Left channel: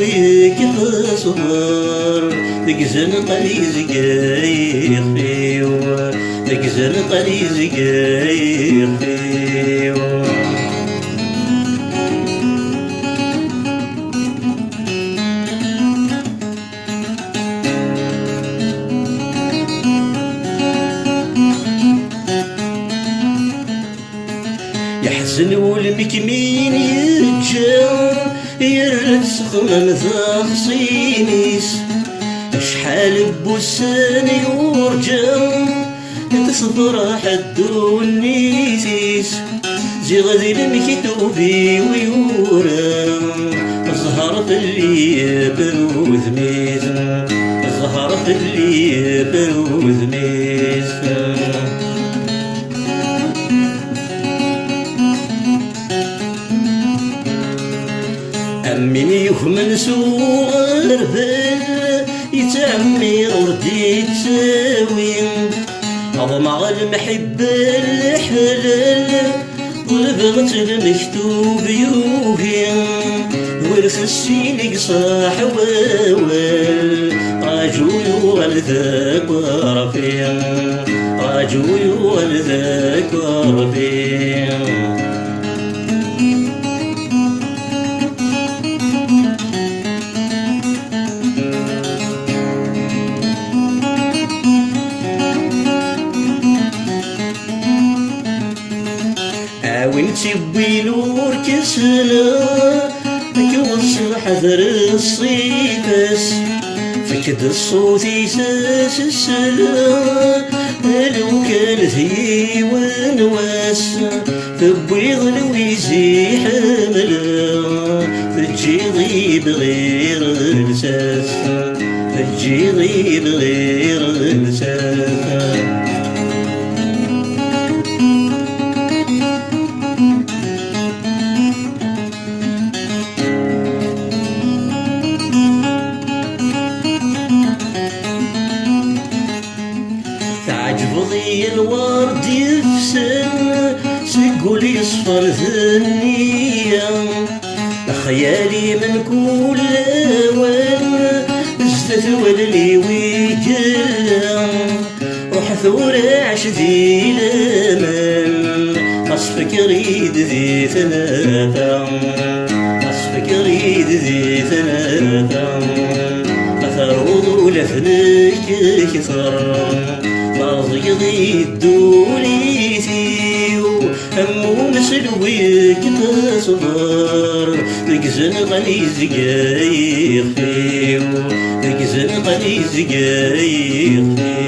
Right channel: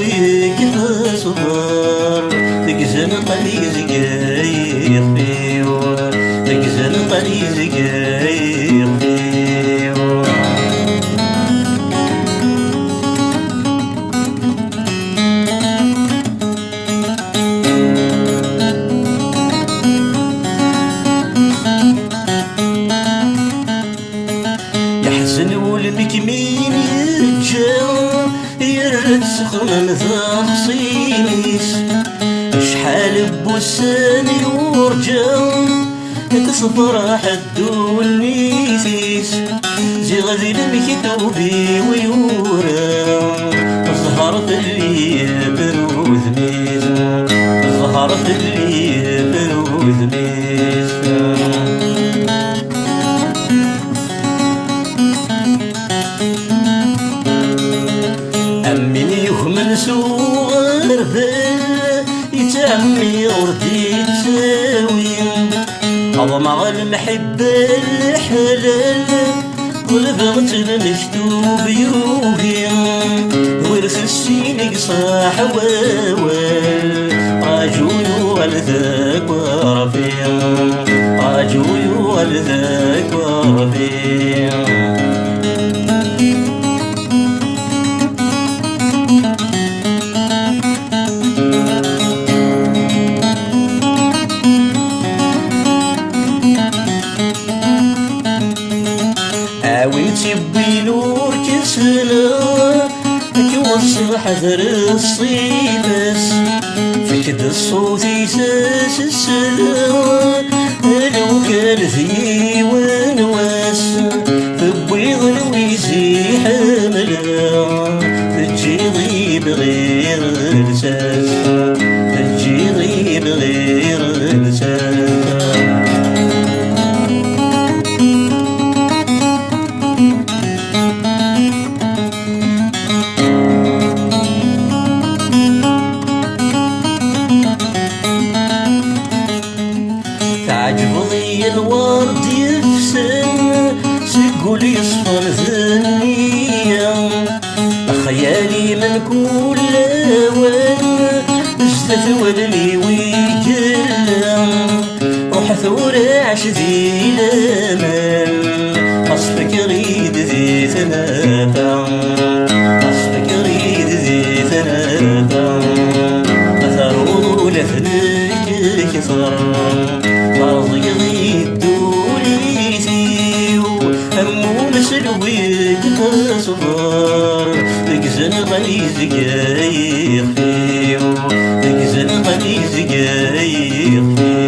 ويك تصبر تقزن قليز قايق فيو تقزن قليز قايق فيو يحزن ولمك مين يتجا يرد سخن ثقصينيس شحال بوساني ورجا تصبر حد والميسيس زي غادي لمك كوبي ويورا ظهرت اللي بروذ ميز ظهرت اللي بروذ ميز أمني يهمن سوغر هل يتعمي وردي تساوي أضمع المحبة الحلال والبغت المكتوب يوهي ورث السين صاح ووال راجوي والذاك ورفيع راجوي والذاك ورفيع وانتي بنور كسنا كيوصل حذر الصيبس فكد الصوت يساس السلام لو كان في ونواس فبيض الويزي حملا تجي ضيب غير الساس تجي ضيب غير الساس الورد يفسن سيقول يصفر ذنيا خيالي من كل وين ازدت ولمي ويجلم وحثور عش ذي الامان اصفك ريد ذي ثلاثة اصفك ريد ذي ثلاثة اثروا لفنك كثر الدولي فيو همو مسلويك تصبر يقزن غليز قايق فيو يقزن غليز قايق فيو